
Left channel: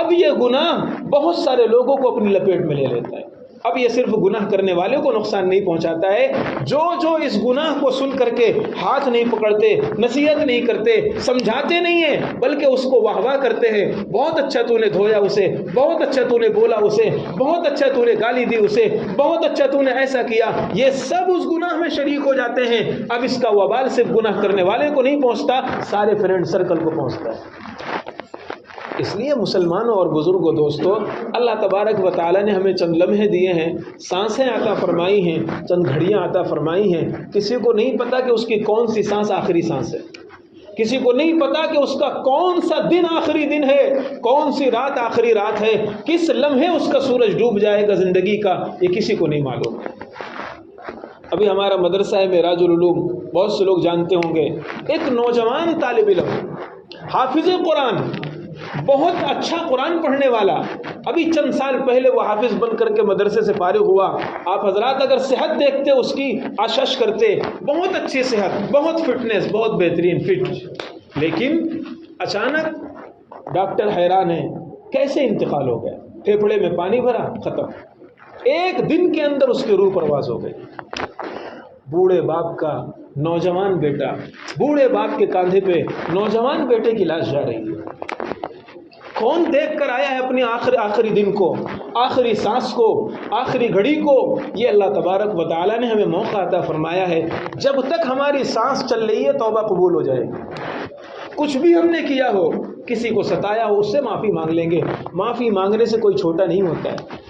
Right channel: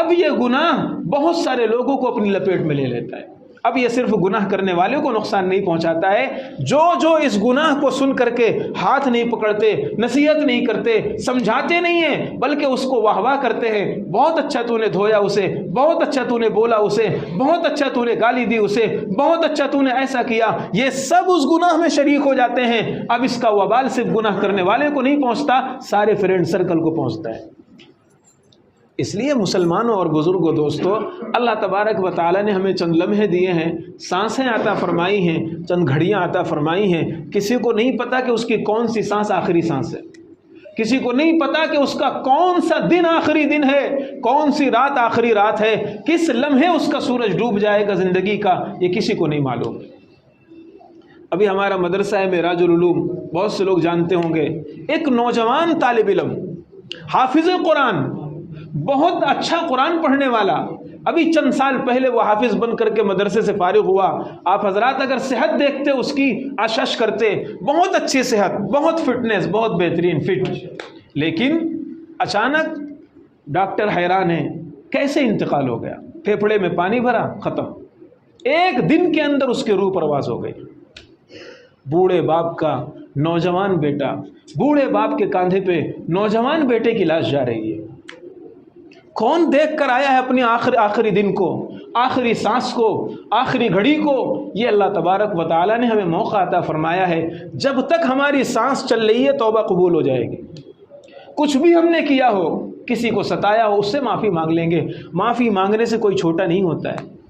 اب یہ گناہ بہت سارے لوگوں کو اپنی لپیٹ میں لے لیتا ہے، اب یہ صرف گناہ کرنے والے کو نقصان نہیں پہنچاتا ہے، جو اس گناہ کو سن کر کے ہاتھ نہیں پکڑتے، نصیحت نہیں کرتے، سمجھاتے نہیں ہیں، بلکہ اس کو واہ واہ کرتے ہیں، بہت اچھا تو نے دھویا اسے، بہت اچھا تو نے بولا اسے، بہت اچھا تو نے گالی دی اسے، بہت اچھا تو نے ایسا کیا، یہ سب اس گناہ میں شریک ہو جاتے ہیں۔ اب اس کا وبال صرف گناہ کرنے والے کو نہیں پہنچتا، سارے فرینڈ سرکل کو پہنچتا ہے۔ اس لیے مسلمانوں اور بزرگوں دوستو، اللہ تبارک و تعالیٰ نے ہمیں چند لمحے دیے ہیں، سانسیں عطا فرمائی ہیں، چند گھڑیاں عطا فرمائی ہیں۔ کسی کو نہیں پتا کہ اس کی کون سی سانس آخری سانس ہے، کسی کو نہیں پتا کہ اس کا کون سا دن آخری دن ہے، کون سی رات آخری رات ہے، کس لمحے اس کا سورج ڈوب جائے گا زندگی کا، یہ کسی کو نہیں معلوم۔ ابھی ہمارا مدرسہ ہے معراج العلوم، بہت سے لوگ جانتے ہوں گے، ایک نوجوان طالب علم حافظ قرآن، بہت اچھا قرآن پڑھنے والا، ابھی چند سال پہلے وہ حافظ بن کر کے مدرسے سے فارغ ہوا۔ آپ حضرات اگر صحت دیکھتے اس کی، آشش کرتے، بہت اچھی صحت، بہت فٹنس، بہت بہترین فٹ، لیکن اچانک ڈاکٹر حیران ہے کیسے انتقال ہو گیا، پھیپھڑے میں پانی بھرا، ختم، ایک دن کے اندر اس کی روح پرواز ہو گئی۔ بوڑھے باپ کا نوجوان بیٹا، بوڑھے باپ کے کاندھے پہ نوجوان بیٹے کی لاش جا رہی ہے۔ کون دیکھ کر آیا ہے اپنی آخری دن کو، آخری سانس کو، آخری گھڑی کو؟ یہ اللہ تبارک و تعالیٰ نے ہمیں موقع عطا فرمایا ہے۔ جب تک ہماری سانس چل رہی ہے توبہ قبول ہو جائے گی۔ کچھ بھی ہم نے کیا ہو، کسی کو ستایا ہو، اس سے معافی مانگ لیں گے۔ معافی مانگنے سے کوئی چھوٹا نہیں ہوتا ہے،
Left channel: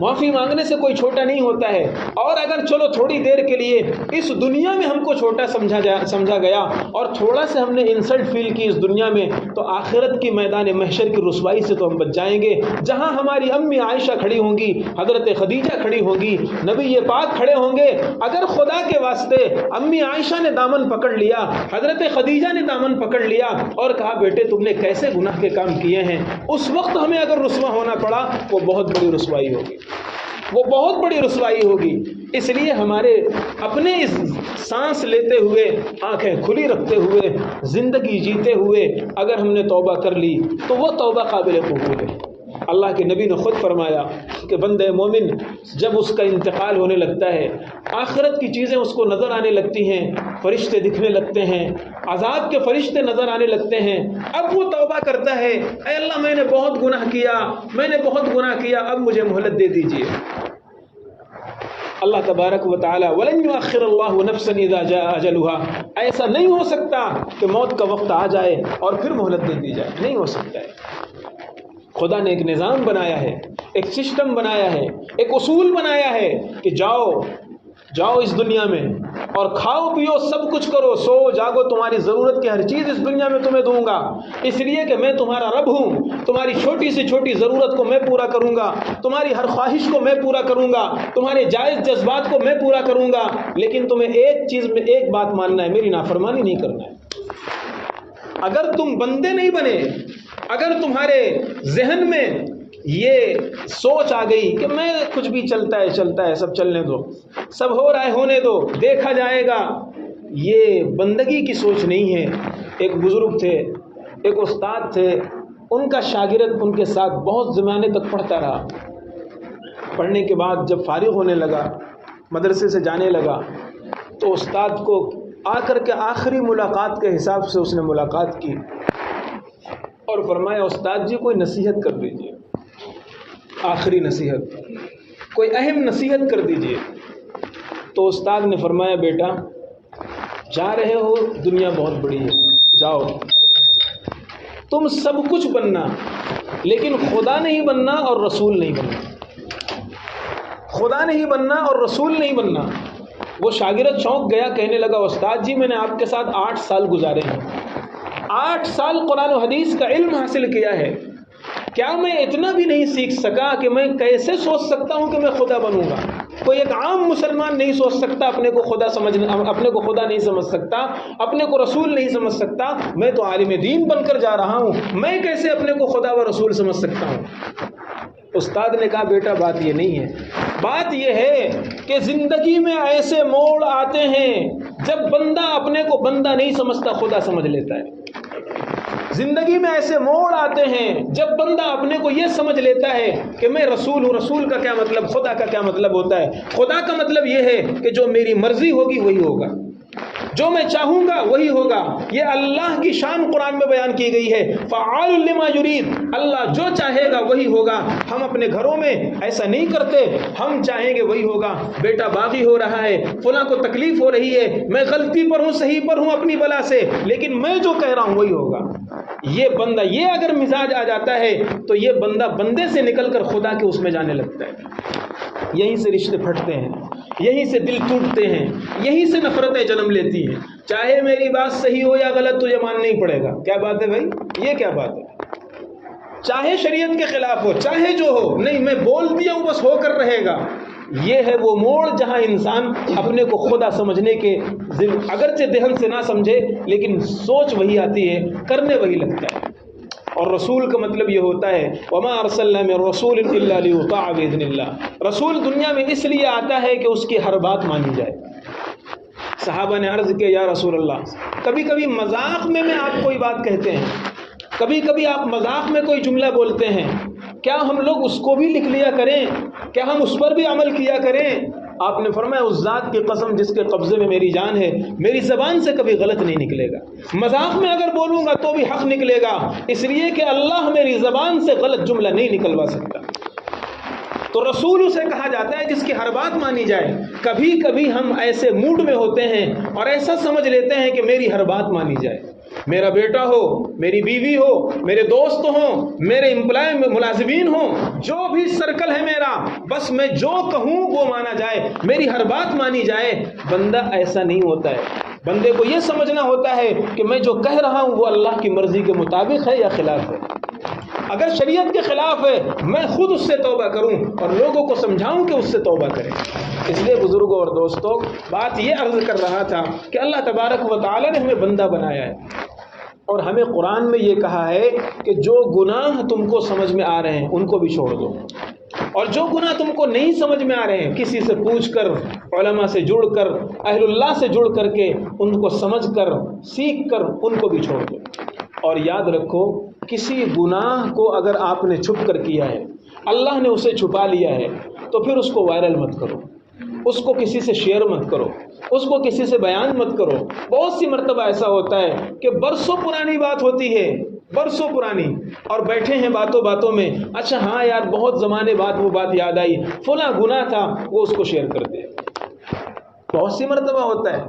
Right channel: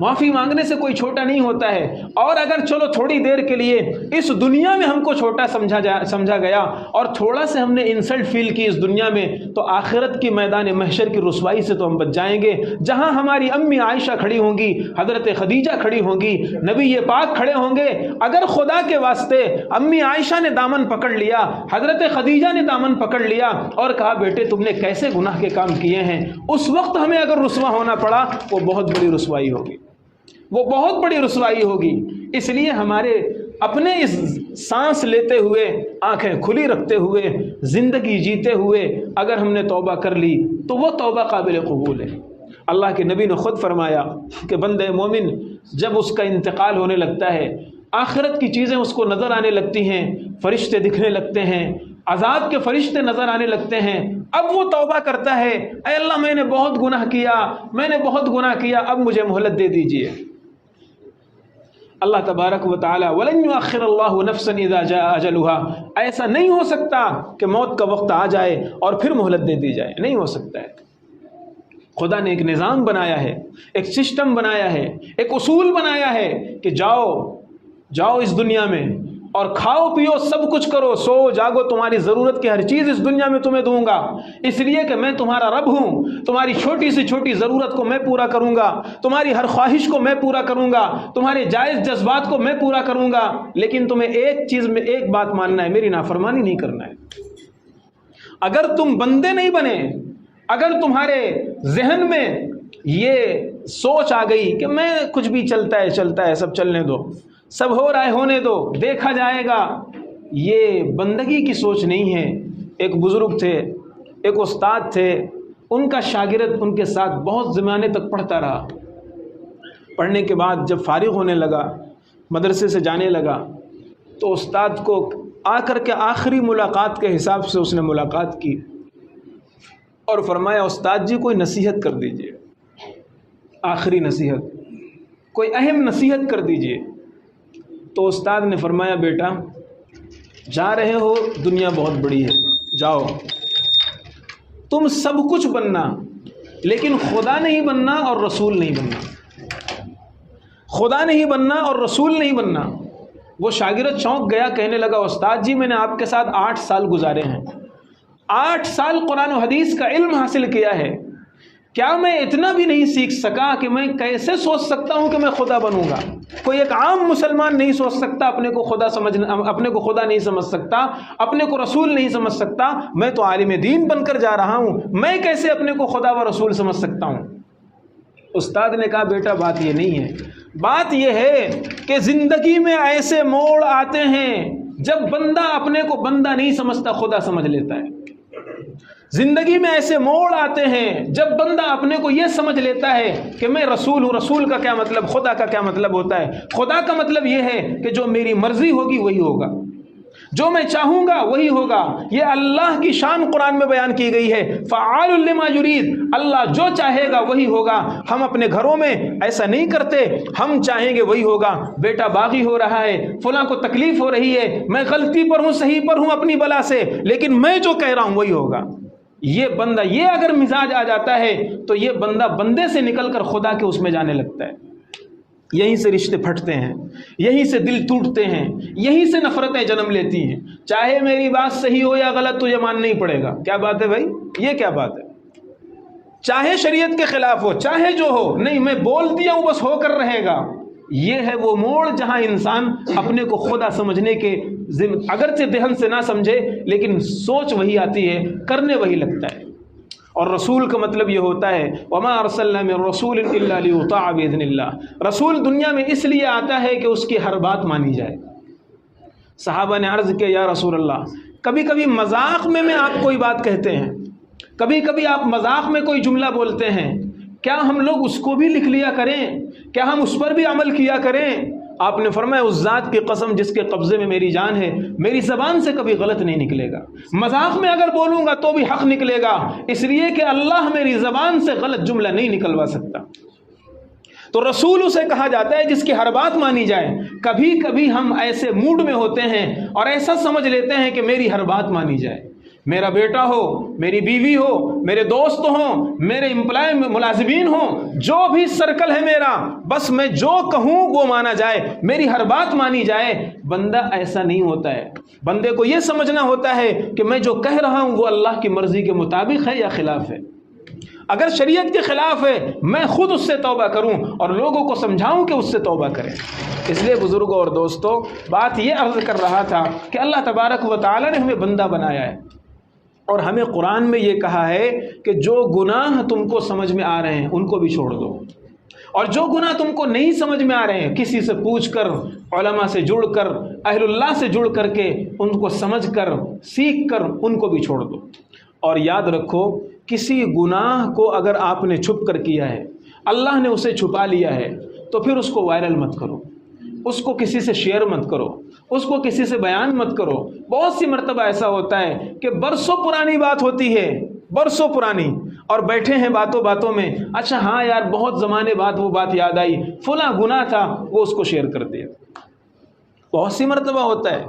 معافی مانگنے سے کوئی چھوٹا نہیں ہوتا ہے۔ اور اگر چلو تھوڑی دیر کے لیے اس دنیا میں ہم کو چھوٹا سمجھا گیا اور تھوڑا سے ہم نے انسلٹ فیل کی اس دنیا میں، تو آخرت کی میدان محشر کی رسوائی سے تو ہم بچ جائیں گے، جہاں ہماری امی عائشہ کھڑی ہوں گی، حضرت خدیجہ کھڑی ہوں گی، نبی پاک کھڑے ہوں گے۔ اگر خدا کے واسطے امی عائشہ نے دامن پکڑ لیا، حضرت خدیجہ نے دامن پکڑ لیا اور کہا بیٹے تم نے کیسے گناہ کے کام کیے ہیں، اس وقت ہمیں اگر رسوا ہونا پڑا، وہ بہت بڑی رسوائی ہوگی، وہ بہت بڑی رسوائی ہوگی۔ اس لیے ہمارے اپنے اس سانس لیتے ہوئے، آنکھیں کھلی رکھتے ہوئے، زندگی جیتے ہوئے اگر ہم نے توبہ کر لی تو وہ توبہ قابل قبول ہے۔ اللہ کے نبی نے خود فرمایا کہ بندے مومن جب اس کا انتقال ہونے لگتا ہے، آخرت کی چیزیں اس کو نظر آنے لگتی ہیں، فرشتے دکھنے لگتے ہیں، عذاب کے فرشتے نظر آنے لگتے ہیں، اب وہ توبہ کرتا ہے، اے اللہ میں نے بہت گناہ کیا، میں نے بہت گناہ کیا، اب مجھے مہلت دے دیجیے۔ اللہ تبارک و تعالی وَلَن يُؤَخِّرَ اللَّهُ نَفْسًا إِذَا جَاءَ أَجَلُهَا، ایسا نہیں ہو سکتا کہ موت کا وقت آ جائے اور پھر مہلت دے دی جائے، نہیں ہو سکتا ہے۔ خدا نے ایک نظام بنایا ہے، ایک سسٹم بنایا ہے، ایک اصول بنایا ہے کہ جاؤ اس دنیا میں اور کھاؤ پیو سب کچھ کرو، سو جاگو، تمہاری ضرورت کی ہر چیز اس دنیا میں تمہیں دوں گا، اس لیے کہ میں تمہارا رب ہوں، تمہاری چھوٹی سے چھوٹی ضرورت کو میں پورا کروں گا، تمہاری ہر خواہش کو میں پورا کروں گا، تمہارے جائز جذبات کو میں پورا کروں گا، لیکن تمہیں ایک چیز میں ایک بات ماننا ہے، میری نافرمانی نہیں کرنا ہے۔ اگر تم بندے نہیں بنے، اگر تمہارے ذہن میں یہ سوچ آ گئی کہ میں کچھ بھی چلتا ہے سب چلنے دو، سب ہو رہا ہے ہونے دو، دیکھا جائے گا، یہ بندگی کی سوچ نہیں ہے۔ ایک بزرگ تھے، ایک استاد تھے، ان کا شاگرد ان کے ساتھ بہت زمانے تک پڑھتا رہا۔ پڑھنے کے بعد جب فارغ ہونے لگا، مدرسے سے جانے لگا، تو استاد کو آ کر کے آخری ملاقات کے حساب سے اس نے ملاقات کی اور فرمایا استاد جی کوئی نصیحت کر دیجئے، آخری نصیحت، کوئی اہم نصیحت کر دیجئے۔ تو استاد نے فرمایا بیٹا جا رہے ہو، دنیا بہت بڑی ہے، جاؤ، تم سب کچھ بننا لیکن خدا نہیں بننا اور رسول نہیں بننا، خدا نہیں بننا اور رسول نہیں بننا۔ وہ شاگرد چونک گیا، کہنے لگا استاد جی میں نے آپ کے ساتھ 8 سال گزارے ہیں، 8 سال قرآن و حدیث کا علم حاصل کیا ہے، کیا میں اتنا بھی نہیں سیکھ سکا کہ میں کیسے سوچ سکتا ہوں کہ میں خدا بنوں گا؟ کوئی ایک عام مسلمان نہیں سوچ سکتا، اپنے کو خدا نہیں سمجھ سکتا، اپنے کو رسول نہیں سمجھ سکتا۔ میں تو عالم دین بن کر جا رہا ہوں، میں کیسے اپنے کو خدا و رسول سمجھ سکتا ہوں؟ استاد نے کہا بیٹا بات یہ نہیں ہے، بات یہ ہے کہ زندگی میں ایسے موڑ آتے ہیں جب بندہ اپنے کو بندہ نہیں سمجھتا، خدا سمجھ لیتا ہے۔ زندگی میں ایسے موڑ آتے ہیں جب بندہ اپنے کو یہ سمجھ لیتا ہے کہ میں رسول ہوں. رسول کا کیا مطلب؟ خدا کا کیا مطلب ہوتا ہے؟ خدا کا مطلب یہ ہے کہ جو میری مرضی ہوگی وہی ہوگا، جو میں چاہوں گا وہی ہوگا. یہ اللہ کی شان قرآن میں بیان کی گئی ہے، فعال لما یرید، اللہ جو چاہے گا وہی ہوگا. ہم اپنے گھروں میں ایسا نہیں کرتے، ہم چاہیں گے وہی ہوگا. بیٹا باغی ہو رہا ہے، فلاں کو تکلیف ہو رہی ہے، میں غلطی پر ہوں صحیح پر ہوں اپنی بلا سے، لیکن میں جو کہہ رہا ہوں وہی ہوگا. یہ بندہ یہ اگر مزاج آ جاتا ہے تو یہ بندہ بندے سے نکل کر خدا کے اس میں جانے لگتا ہے. یہیں سے رشتے پھٹتے ہیں، یہیں سے دل ٹوٹتے ہیں، یہیں سے نفرتیں جنم لیتی ہیں. چاہے میری بات صحیح ہو یا غلط تجھے ماننا ہی پڑے گا. کیا بات ہے بھائی؟ یہ کیا بات ہے؟ چاہے شریعت کے خلاف ہو، چاہے جو ہو، نہیں میں بول دیا ہوں بس ہو کر رہے گا. یہ ہے وہ موڑ جہاں انسان اپنے کو خدا سمجھنے کے اگرچہ دہن سے نہ سمجھے لیکن سوچ وہی آتی ہے، کرنے وہی لگتا ہے. اور رسول کا مطلب یہ ہوتا ہے وما ارسلنا من رسول الا لیطاع باذن اللہ. رسول دنیا میں اس لیے آتا ہے کہ اس کی ہر بات مانی جائے. صحابہ نے عرض کیا یا رسول اللہ، کبھی کبھی مذاق میں آپ کوئی بات کہتے ہیں، کبھی کبھی آپ مذاق میں کوئی جملہ بولتے ہیں، کیا ہم لوگ اس کو بھی لکھ لیا کریں؟ کیا ہم اس پر بھی عمل کیا کریں؟ آپ نے فرمایا اس ذات کی قسم جس کے قبضے میں میری جان ہے، میری زبان سے کبھی غلط نہیں نکلے گا. مذاق میں اگر بولوں گا تو بھی حق نکلے گا، اس لیے کہ اللہ میری زبان سے غلط جملہ نہیں نکلوا سکتا. تو رسول اسے کہا جاتا ہے جس کی ہر بات مانی جائے. کبھی کبھی ہم ایسے موڈ میں ہوتے ہیں اور ایسا سمجھ لیتے ہیں کہ میری ہر بات مانی جائے. میرا بیٹا ہو، میری بیوی ہو، میرے دوست ہوں، میرے امپلائی ملازمین ہوں، جو بھی سرکل ہے میرا، بس میں جو کہوں وہ مانا جائے، میری ہر بات مانی جائے. بندہ ایسا نہیں ہوتا ہے. بندے کو یہ سمجھنا ہوتا ہے کہ میں جو کہہ رہا ہوں وہ اللہ کی مرضی کے مطابق ہے یا خلاف ہے. اگر شریعت کے خلاف ہے میں خود اس سے توبہ کروں اور لوگوں کو سمجھاؤں کہ اس سے توبہ کریں. اس لیے بزرگوں اور دوستوں، بات یہ عرض کر رہا تھا کہ اللہ تبارک و تعالی نے ہمیں بندہ بنایا ہے اور ہمیں قرآن میں یہ کہا ہے کہ جو گناہ تم کو سمجھ میں آ رہے ہیں ان کو بھی چھوڑ دو، اور جو گناہ تم کو نہیں سمجھ میں آ رہے ہیں کسی سے پوچھ کر، علماء سے جڑ کر، اہل اللہ سے جڑ کر کے ان کو سمجھ کر سیکھ کر ان کو بھی چھوڑ دو. اور یاد رکھو کسی گناہ کو اگر آپ نے چھپ کر کیا ہے، اللہ نے اسے چھپا لیا ہے، تو پھر اس کو وائرل مت کرو، اس کو کسی سے شیئر مت کرو، اس کو کسی سے بیان مت کرو. بہت سی مرتبہ ایسا ہوتا ہے کہ برسوں پرانی بات ہوتی ہے، برسوں پرانی، اور بیٹھے ہیں باتوں باتوں میں، اچھا ہاں یار بہت زمانے بعد وہ بات یاد آئی، فلاں گناہ تھا، وہ اس کو شیئر کر دیا. بہت سی مرتبہ ہوتا ہے.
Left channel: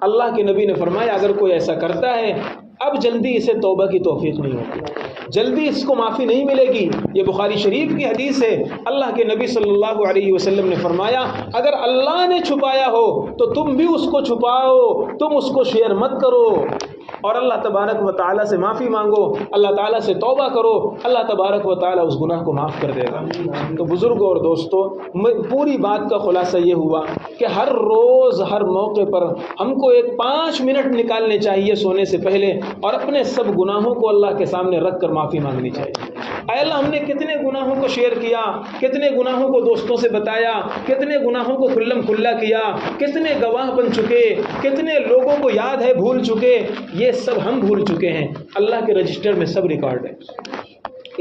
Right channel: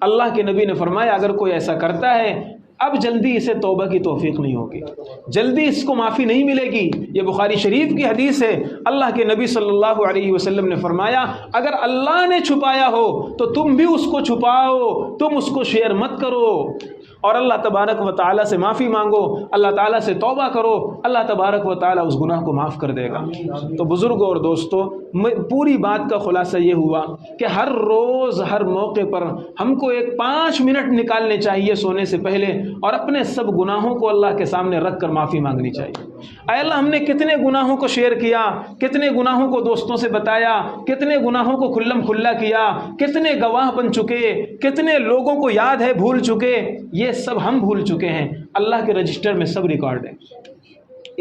اللہ کے نبی نے فرمایا اگر کوئی ایسا کرتا ہے اب جلدی اسے توبہ کی توفیق نہیں ہوگی، جلدی اس کو معافی نہیں ملے گی. یہ بخاری شریف کی حدیث ہے. اللہ کے نبی صلی اللہ علیہ وسلم نے فرمایا اگر اللہ نے چھپایا ہو تو تم بھی اس کو چھپاؤ، تم اس کو شیئر مت کرو، اور اللہ تبارک و تعالیٰ سے معافی مانگو، اللہ تعالیٰ سے توبہ کرو، اللہ تبارک و تعالیٰ اس گناہ کو معاف کر دے گا. تو بزرگوں اور دوستوں، پوری بات کا خلاصہ یہ ہوا کہ ہر روز ہر موقع پر ہم کو ایک 5 منٹ نکالنے چاہیے سونے سے پہلے اور اپنے سب گناہوں کو اللہ کے سامنے رکھ کر معافی مانگنی چاہیے. اے اللہ ہم نے کتنے گناہوں کو شیئر کیا، کتنے گناہوں کو دوستوں سے بتایا، کتنے گناہوں کو کھلم کھلا کیا، کتنے گواہ بن چکے، کتنے لوگوں کو یاد ہے بھول چکے. یہ سب ہم بھول چکے ہیں. اللہ کے رجسٹر میں سب ریکارڈ ہے،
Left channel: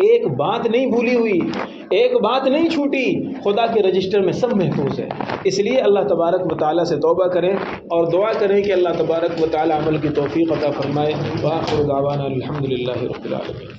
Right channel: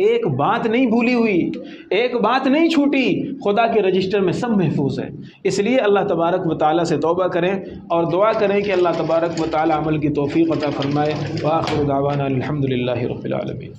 ایک بات نہیں بھولی ہوئی، ایک بات نہیں چھوٹی، خدا کے رجسٹر میں سب محفوظ ہے. اس لیے اللہ تبارک و تعالیٰ سے توبہ کریں اور دعا کریں کہ اللہ تبارک و تعالیٰ عمل کی توفیق عطا فرمائے. وآخر دعوانا الحمدللہ رب العالمین.